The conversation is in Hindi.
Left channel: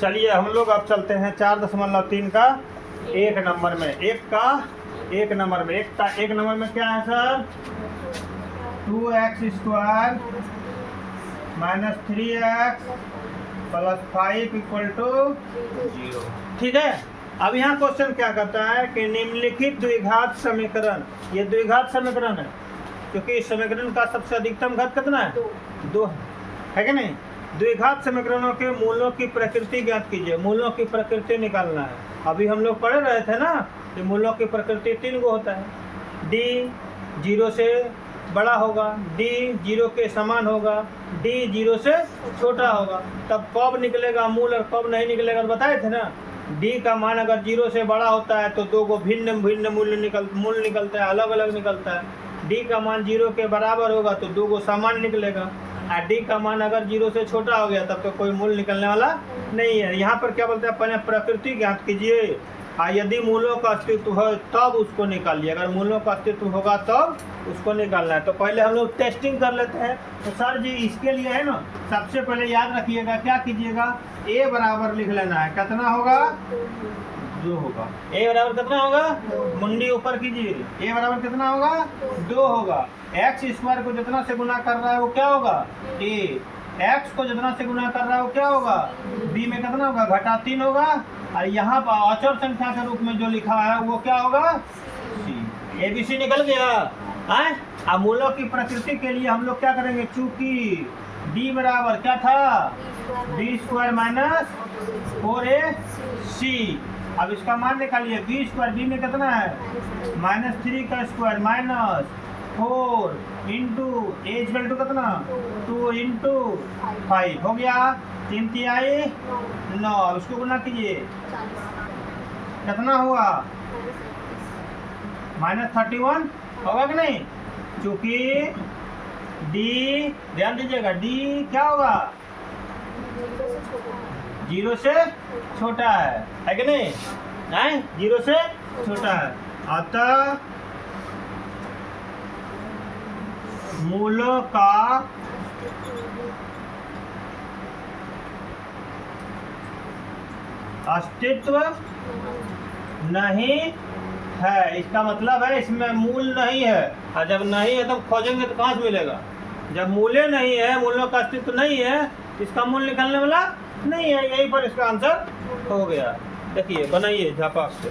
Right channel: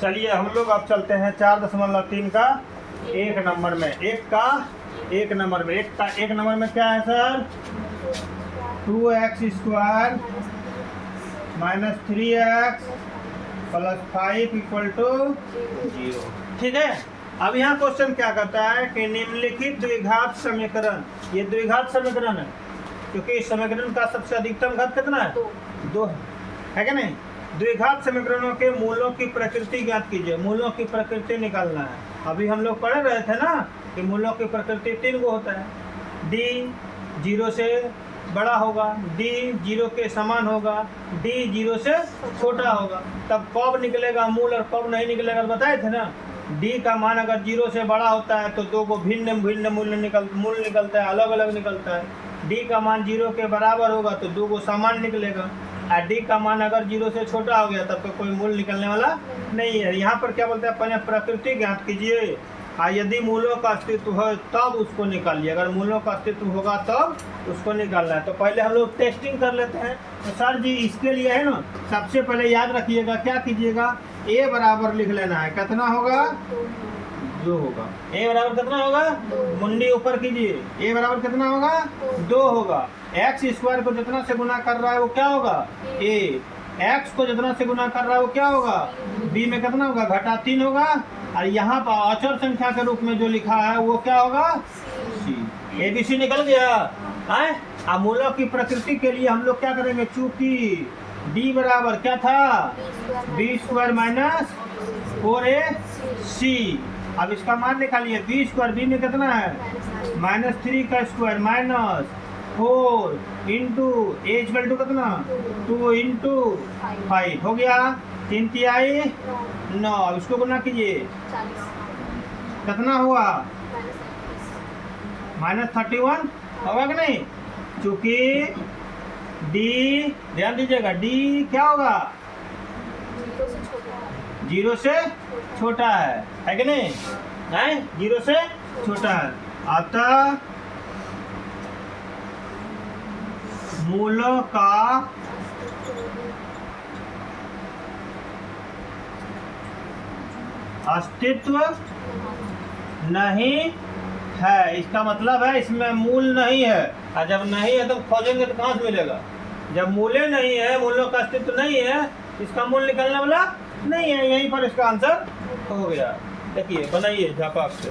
चलिए हम लोग अब चलते हैं 4.3 का एक नंबर में। एक नंबर में क्या है sir? 2x² minus 3x plus 5 equal to 0। ठीक है। अब यहाँ क्वेश्चन क्या कहता है कि निम्नलिखित द्विघात समीकरण, ये द्विघात समीकरण है क्योंकि इस समीकरण का सबसे अधिकतम घात कितना है? 2 है कि नहीं? द्विघात समीकरणों के मूलों की प्रकृति ज्ञात कीजिए। मूलों की प्रकृति निकालना है। अभी हम लोग पढ़ रहे थे ना कि मूलों की प्रकृति 3 गो होता है। डी 0 से बड़ा होगा, डी 0 के समान होगा, डी 0 से छोटा होगा। तब कब निकलेगा मूल और कब नहीं निकलेगा बताए थे ना। डी का मान अगर 0 से बड़ा होता है तो 2 को भिन्न भिन्न मूल निकलता है, अलग अलग निकलता है। डी का मान 0 के बराबर होगा तो 2 को समान निकलेगा। और डी का मान अगर 0 से छोटा हो गया तब तो कोई मूल निकलने वाला नहीं है। यहाँ पर क्या बोलते हैं? पहले प्रकृति ज्ञात कीजिए, यदि मूलों का अस्तित्व है तब उसको निकालिए। अगर मूलों का अस्तित्व होगा तब उसको निकालना है। तो पहले हम लोग टेस्टिंग कर लेते हैं। तो सर जी इसके लिए है ना, सबसे पहले याद रखिएगा, क्या कीजिएगा? ए बराबर लिख लेना है। कितना होगा? 2 होगा। ए बराबर कितना होगा? मुंडी ऊपर कीजिए। ए बराबर कितना होगा? 2 होगा। x² को जितना से गुना कर रहा है वो क्या होगा? a। x को जितना से गुना कर रहा है वो क्या होगा? b में कितना होगा? घटा 3 होगा। और यहाँ पर अचर संख्या के रूप में जो लिखा है वो क्या होगा? c। ABC निकल गया है। अब मूलों की प्रकृति के लिए हम लोग क्या करेंगे? चूंकि d बराबर क्या था? b² minus 4ac। अब इसका मान निकालिए। b² b में कितना है? -3 का square minus 4 into a equal to कितना? 2 इंटू 5 हो गया। 3 तिहाई 9। अब इसको गुना कीजिए, कितना हुआ? -31 होगा कि नहीं? चूंकि d, ध्यान दीजिएगा, d क्या होगा? 0 से छोटा है कि नहीं? 0 से छोटा है। अतः मूलों का अस्तित्व नहीं है। इसका मतलब है इसमें मूल नहीं है। और जब नहीं है तो खोजेंगे तो कहाँ से मिलेगा? जब मूल्य नहीं है, मूलों का अस्तित्व नहीं है, इसका मूल निकालने वाला नहीं है। यहीं पर इसका आंसर हो गया। देखिए बनाइए झापाक से।